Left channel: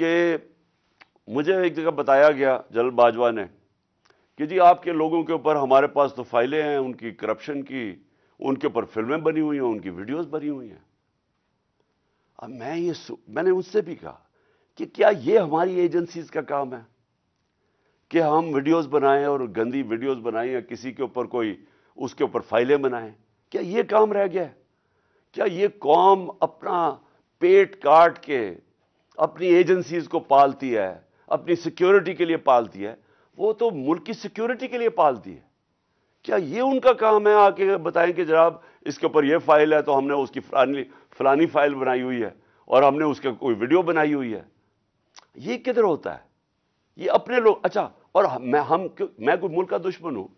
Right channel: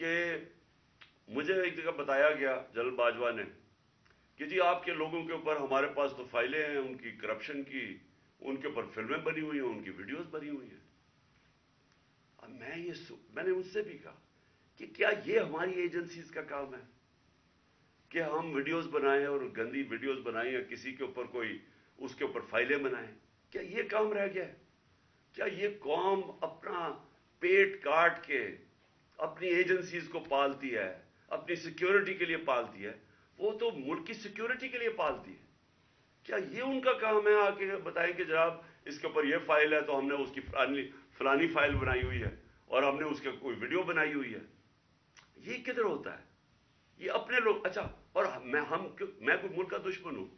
کہ مجھے ایک جگہ بتایا گیا جنرل باجوہ نے کہ جی آپ کے لوگوں کے اوپر ہمارے پاس تو فائلیں ہیں ان کی کرپشن کی، ان کے اوپر فلمیں بنی ہوئی ہیں، ان کی ویڈیوز بنی ہوئی ہیں۔ اب میں نے اس سے بھی کہا کہ کیا یہ ہماری ایجنسیز کا کام ہے کہ ہم ویڈیوز بنائیں اور گندی ویڈیوز بنائیں یا کسی کے اوپر اس کے اوپر فائلیں بنائیں؟ کیا یہ کام رہ گیا ہے؟ کیا یہ قوم اپنا پیٹ کاٹ کے اپنی ایجنسیز کو پالتی ہے، اپنی سیکیورٹی کے لیے پالتی ہے؟ وہ تو ملک کی سیکیورٹی کے لیے پالتی ہے۔ کیا یہ ان کا کام ہے آ کے بتائیں کہ جناب اس کے اوپر یہ فائل ہے تو ہم نے اس کی فلانی فائل بنائی ہوئی ہے اور ہم نے اس کے کوئی ویڈیو بنائی ہوئی ہے؟ یہ کدھر ہوتا ہے؟ یہ اپنے لوگ اچھا، اور میں کوئی ملک کا دشمن ہوں؟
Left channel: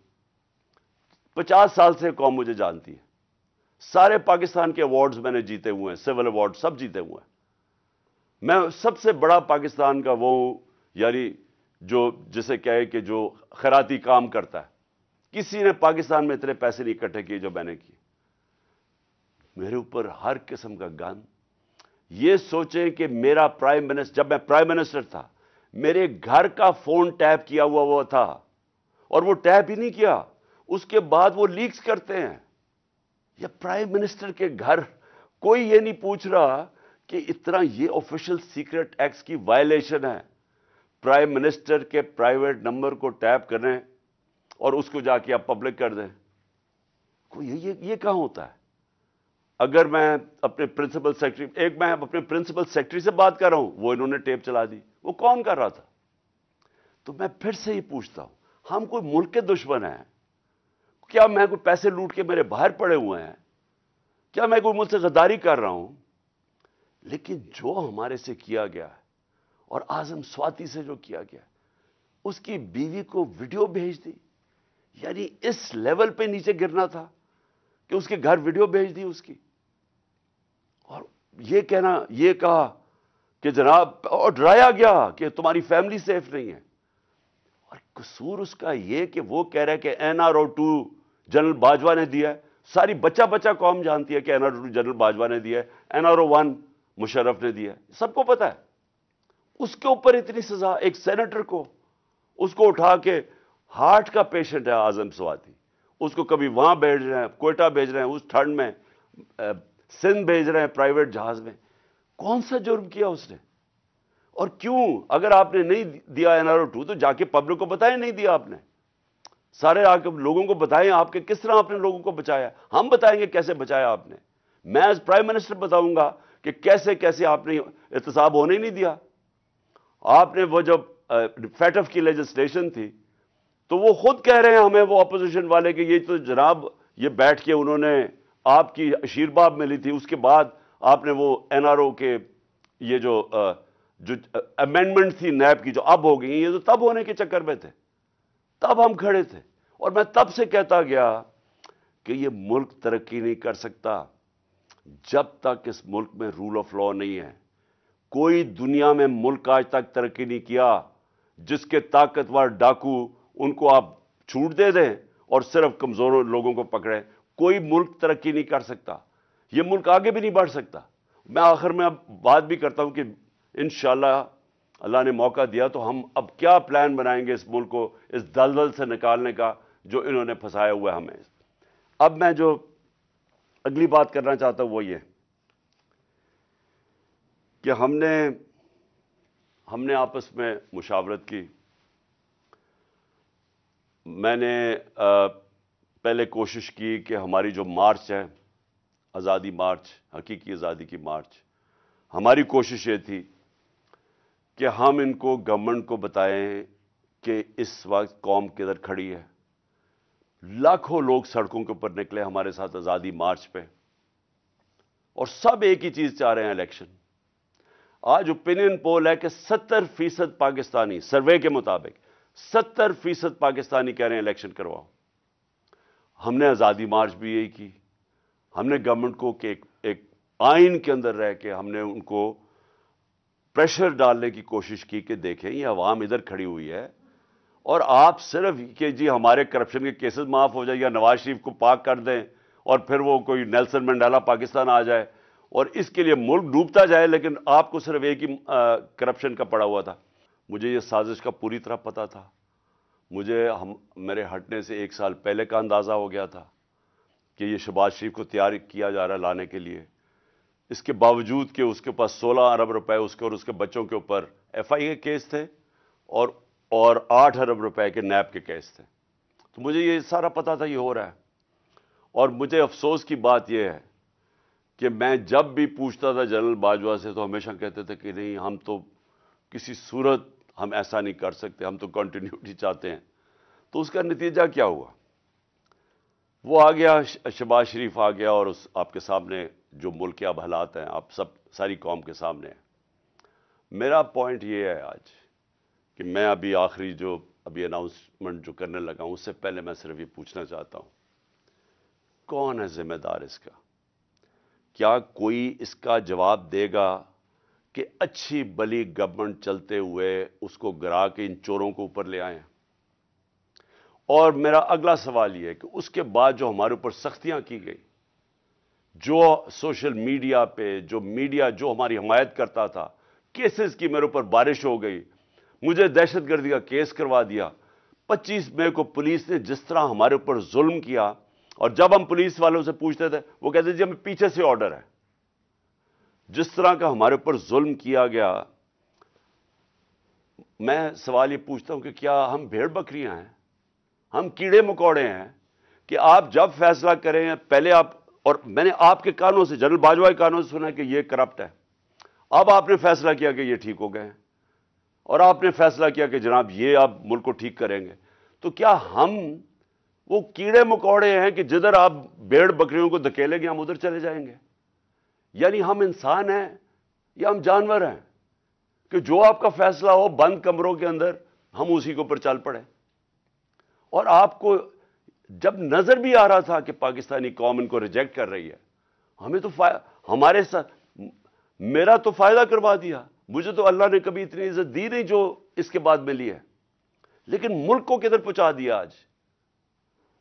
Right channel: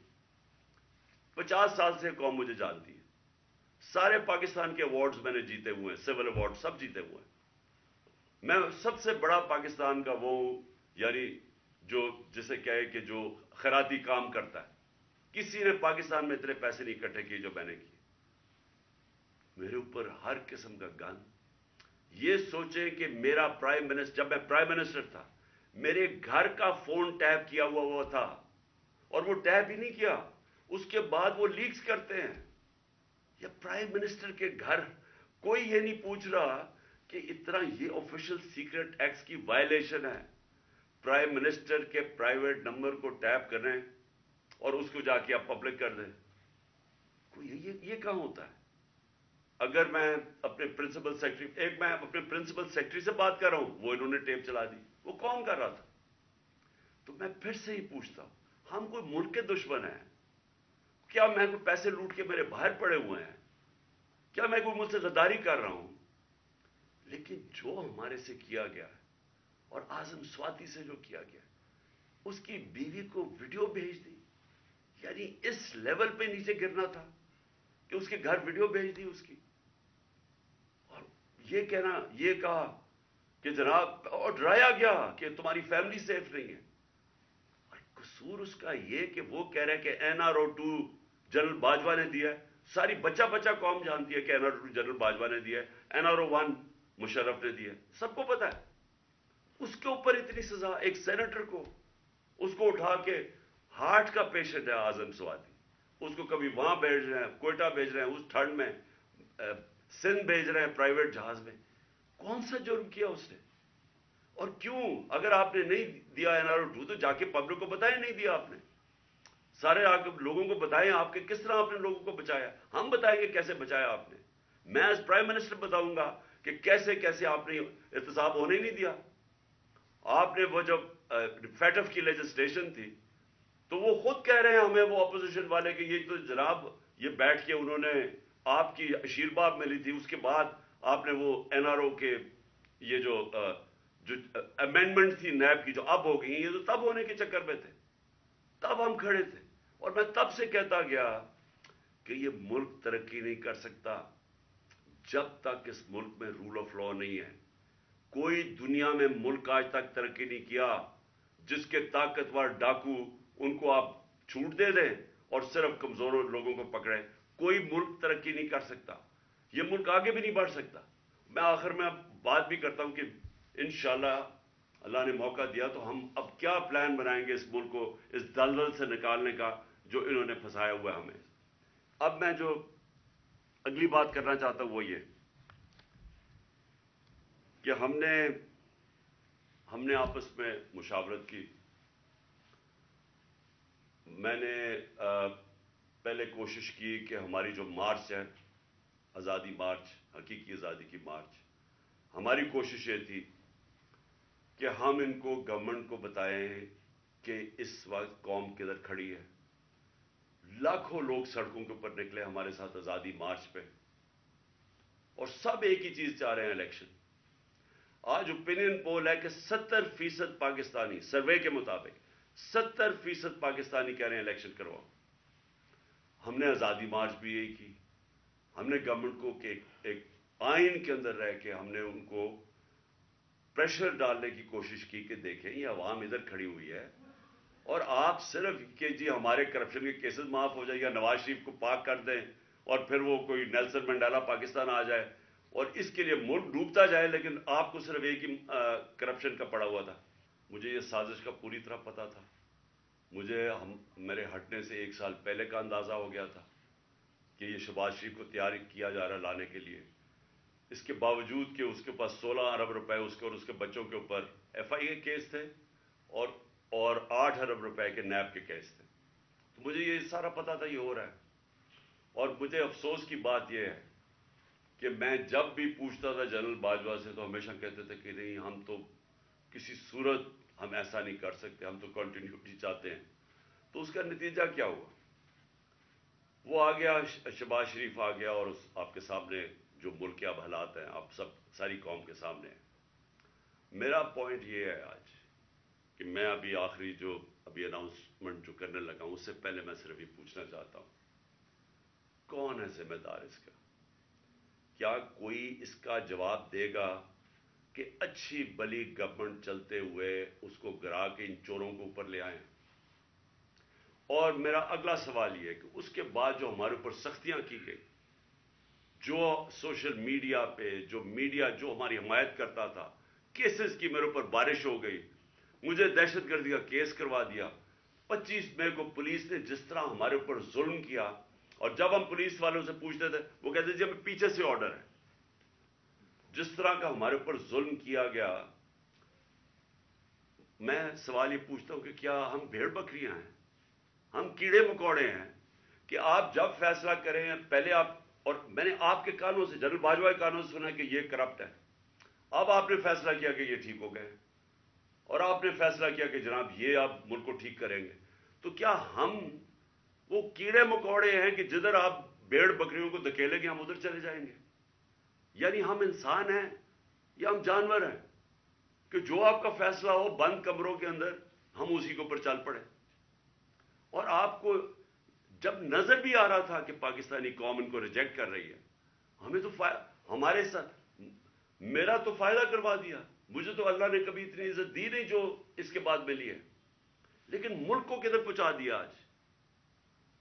50 سال سے قوم مجھے جانتی ہے، سارے پاکستان کے ایوارڈز میں نے جیتے ہوئے ہیں، سول ایوارڈ سب جیتے ہوئے ہیں۔ میں سب سے بڑا پاکستان کا وہ ہوں، یعنی جسے کہے کہ جو خیراتی کام کرتا ہے۔ کسی نے پاکستان میں اتنے پیسے نہیں اکٹھے کیے جو میں نے کیے۔ میرے اوپر ہر قسم کا گن۔ یہ سوچیں کہ میرا پرائم منسٹر، جب میں پرائم منسٹر تھا، میرے گھر کا فون ٹیپ کیا ہوا تھا، اور وہ ٹیپ ہی نہیں کیا، اس کے بعد وہ لیکس کرتے ہیں۔ یا پرائم منسٹر کے گھر کوئی یہ نہیں پوچھ رہا کہ اتنا یہ آفیشل سیکرٹ ایکٹس کی وائلیشن ہے، پرائم منسٹر کے پرائیویٹ نمبر کو ٹیپ کریں اور اس کو جا کے آپ پبلک کر دیں۔ یہ کہاں ہوتا ہے؟ اگر میں اپنے پرنسپل سیکرٹری، میں اپنے پرنسپل سیکرٹری سے بات کر رہا ہوں، وہ انہوں نے ٹیپ چلا دی، وہ کون کر رہا تھا؟ تو میں پھر سے ہی پوچھتا ہوں، ہم کوئی ملک کے دشمن ہیں؟ کیا میں کوئی پیسے لوٹ کے میرے باہر پڑے ہوئے ہیں؟ کیا میں کوئی ملک سے غداری کر رہا ہوں؟ لیکن جو ہمارے سے کیا گیا ہے، اور اعظم سواتی سے جو کیا گیا ہے، اس کی بیوی کو ویڈیو بھیج دی، یعنی اس لیول پہ نیچے گرنا تھا کہ اس کے گھر ویڈیو بھیج دی اس کی، اور یہ کہا کہ جناب، اور ڈرایا گیا کہ تمہاری فیملی سیف نہیں ہے۔ اور قصور اس کا یہ کہ وہ کہہ رہا ہے کہ NRO2 جنرل باجوہ نے دیا ہے۔ ساری بچہ قوم جانتی ہے کہ NRO2 جنرل باجوہ نے دیا ہے، NRO1 مشرف نے دیا ہے، سب کو پتا ہے۔ اس کے اوپر اتنی سزا، ایک سینیٹر کو، اس کو اٹھا کے، ہارٹ کا پیشنٹ ہے اعظم سواتی، اس کو کبھی وہاں بھیج رہے ہیں، کوئٹہ بھیج رہے ہیں، اس ٹھنڈ میں سندھ بھیج رہے ہیں پرائیویٹ جہاز میں۔ کون سا جرم کیا اس نے؟ اور کیوں؟ اگر آپ نے نہیں دیا NRO2 تو جا کے پبلک کو بتائیں نہیں دیا آپ نے، سارے آ کے لوگوں کو بتائیں آپ کے کس طرح آپ نے لوگوں کو بچایا۔ ہم بتائیں گے کیسے بچایا آپ نے، میں ایز پرائم منسٹر بتاؤں گا کہ کیسے آپ نے احتساب ہونے نہیں دیا۔ آپ نے وہ جب فیٹف کی لیجسلیشن تھی تو وہ خود کہہ رہے ہیں ہمیں، وہ اپوزیشن والے، کہ یہ تو جناب یہ بیٹھ کے انہوں نے آپ کی آشیرواد ملی تھی، اس کے بعد آپ نے وہ NRO کے یہ جو امینڈمنٹ تھی نیب کی جو اب ہو گئی، یہ تو تب ہونے کے چکر میں تھے، تب ہم کھڑے تھے۔ اور میں تب سے کہتا گیا کہ یہ ملک ترقی نہیں کر سکتا جب تک اس ملک میں رول آف لا نہیں ہے۔ کوئی دنیا میں ملک آج تک ترقی نہیں کیا جس کے طاقتور ڈاکو ان کو آپ چھوٹ دے دیں اور صرف کمزور لوگوں کو پکڑیں۔ کوئی ملک ترقی نہیں کر سکتا، یہ ملک آگے بھی نہیں بڑھ سکتا۔ میں آخر میں اب بات بھی کرتا ہوں کہ انشاءاللہ اللہ نے موقع دیا تو ہم اب کیا پلان بنائیں گے اس ملک کو اس دلدل سے نکالنے کا جو انہوں نے پھنسایا ہوا ہے ہمیں۔ اب میں جو اگلی بات کرنا چاہتا ہوں وہ یہ کہ ہم نے آپس میں مشاورت کی۔ میں نے پہلے کوشش کی کہ ہماری جو مارچ ہے، آزادی مارچ، حقیقی آزادی کی مارچ، ہماری کوشش یہ تھی کہ ہم ان کو گورنمنٹ کو بتائیں کہ اس وقت قوم کدھر کھڑی ہے۔ لاکھوں لوگ سڑکوں کے اوپر نکلے ہمارے ساتھ آزادی مارچ پہ، اور سب ایک ہی چیز چاہ رہے ہیں، الیکشن۔ آج اوپینین پول ہے کہ 70% پاکستانی، سروے کے مطابق 70% پاکستانی کہہ رہے ہیں الیکشن کرواؤ۔ ہم نے آزادی مارچ بھی یہی کی۔ ہم نے گورنمنٹ کو کہ ایک آئین کے اندر رہ کے ہم نے ان کو پریشر ڈالنے کی کوشش کی کہ دیکھیں یہ عوام ادھر کھڑی ہوئی ہے، اور آپ صرف کہ جی ہمارے کرپشن کے کیسز معاف ہو جائے یا نواز شریف کو پاک کر دیں اور پھر وہ کوئی نیلسن منڈیلا پاکستان آ جائے، اور اس کے لیے ملک ڈوبتا جائے، لیکن آپ کو صرف ایک ہی کرپشن کا پڑا ہوا تھا۔ مجھے یہ سازش کا پوری طرح پتا تھا، مجھے میرے ہٹنے سے 1 سال پہلے کا اندازہ ہو گیا تھا کہ یہ شہباز شریف کو تیار کیا جا رہا ہے لانے کے لیے، اس کے باوجود کہ اس کے پاس 16 ارب روپے اس کے اور اس کے بچوں کے اوپر FI کے کیس تھے اور 8 ارب روپے کے نیب کے کیس تھے۔ تو مجھے یہ سارا پتا تھا یہ ہو رہا ہے، اور مجھے افسوس کی بات یہ ہے کہ میں جب بھی پوچھتا تھا جنرل باجوہ سے تو ہمیشہ کہتے تھے کہ نہیں، ہم تو کسی صورت ہم ایسا نہیں کر سکتے، ہم تو کنٹینیوٹی چاہتے ہیں۔ تو اس کا نتیجہ کیا ہوا؟ وہ آ گیا، شہباز شریف آ گیا، اور آپ کے سامنے جو ملک کے اب حالات ہیں، آپ ساری قوم کے سامنے ہیں۔ میرا پوائنٹ یہ ہے آج کہ میں آخری جو اناؤنسمنٹ جو کرنے لگا ہوں، اس سے پہلے میں صرف یہ پوچھنا چاہتا ہوں، کون ہے ذمہ دار اس کا؟ کیا کوئی اس کا جواب دے گا کہ اچھی بلی گورنمنٹ چلتے ہوئے اس کو گرا کے ان چوروں کو اوپر لے آئیں؟ اور میرا اگلا سوال یہ ہے کہ اس کے بعد جو ہمارے اوپر سختیاں کی گئی، جو سوشل میڈیا پہ جو میڈیا جو ہماری حمایت کرتا تھا، کیسز کی میرے اوپر بارش ہو گئی، مجھے دہشت گردی کا کیس کروا دیا۔ 25 مئی کو پولیس نے جس طرح ہمارے اوپر ظلم کیا، اور جب ہم پولیس والوں سے پوچھتے تھے وہ کہتے جی ہمیں پیچھے سے آرڈر ہے۔ جس طرح کا ہمارے اوپر ظلم کیا گیا، میں سوال یہ پوچھتا ہوں کہ کیا ہم بھیڑ بکریاں ہیں؟ ہم کیڑے مکوڑے ہیں کہ آپ جب فیصلہ کریں پہلے اور میں نے آپ کے کانوں سے، جنرل باجوہ کے کانوں سے سنا کہ یہ کرپٹ ہے، اب آپ نے فیصلہ کیا کہ یہ ٹھیک ہو گئے ہیں، اور آپ نے فیصلہ کیا کہ جناب یہ آپ ملک کو ٹھیک کریں گے۔ تو کیا ہم وہ کیڑے مکوڑے ہیں کہ جدھر آپ بھیڑ بکریوں کو دھکیلیں گے ہم ادھر چلے جائیں گے؟ یعنی ہم انسان ہیں یا ہم جانور ہیں کہ جو آپ کا فیصلہ ہو بند کمروں کے اندر ہم اسی کے اوپر چل پڑے؟ اور آپ کو جب نظر بھی آ رہا تھا کہ پاکستانی قوم ان کو ریجیکٹ کر رہی ہے، ہمیں تو ہمارے ساتھ میرا تو فائدہ کروا دیا، مجھے تو اللہ نے کبھی اتنی عزت دی نہیں جو اس کے بعد ملی ہے، لیکن ملک کو کدھر پہنچا دیا آج۔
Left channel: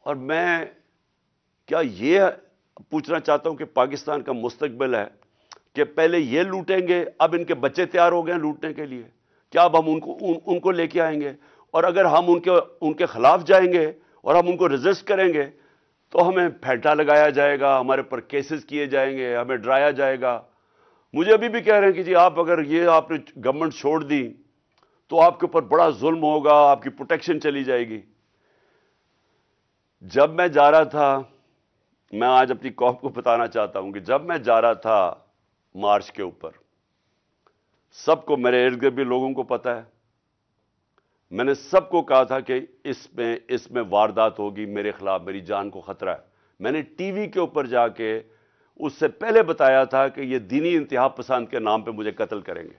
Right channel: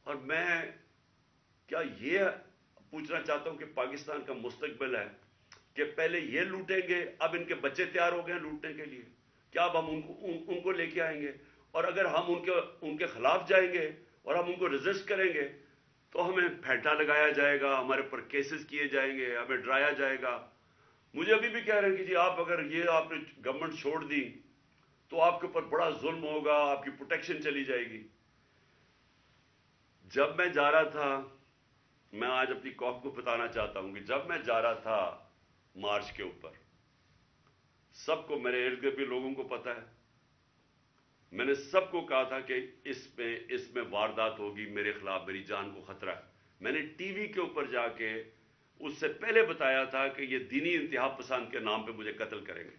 اور میں کیا یہ پوچھنا چاہتا ہوں کہ پاکستان کا مستقبل ہے کہ پہلے یہ لوٹیں گے، اب ان کے بچے تیار ہو گئے ہیں لوٹنے کے لیے، کیا اب ہم ان کو لے کے آئیں گے؟ اور اگر ہم ان کے خلاف جائیں گے اور ہم ان کو ریزسٹ کریں گے تو ہمیں پھیٹا لگایا جائے گا، ہمارے پر کیسز کیے جائیں گے، ہمیں ڈرایا جائے گا۔ مجھے ابھی بھی کہہ رہے ہیں کہ جی اگر آپ نے گورنمنٹ چھوڑ دی تو آپ کے اوپر بڑا ظلم ہوگا، آپ کی پروٹیکشن چلی جائے گی۔ جب میں جا رہا تھا، میں آج اپنی قوم کو بتانا چاہتا ہوں کہ جب میں جا رہا تھا مارچ کے اوپر، سب کو، میرے ارد گرد بھی لوگوں کو پتا ہے، میں نے سب کو کہا تھا کہ اس میں واردات ہوگی، میرے خلاف میری جان کو خطرہ ہے۔ میں نے ٹی وی کے اوپر جا کے اس سے پہلے بتایا تھا کہ یہ دینی انتہا پسند کے نام پہ مجھے قتل کریں گے۔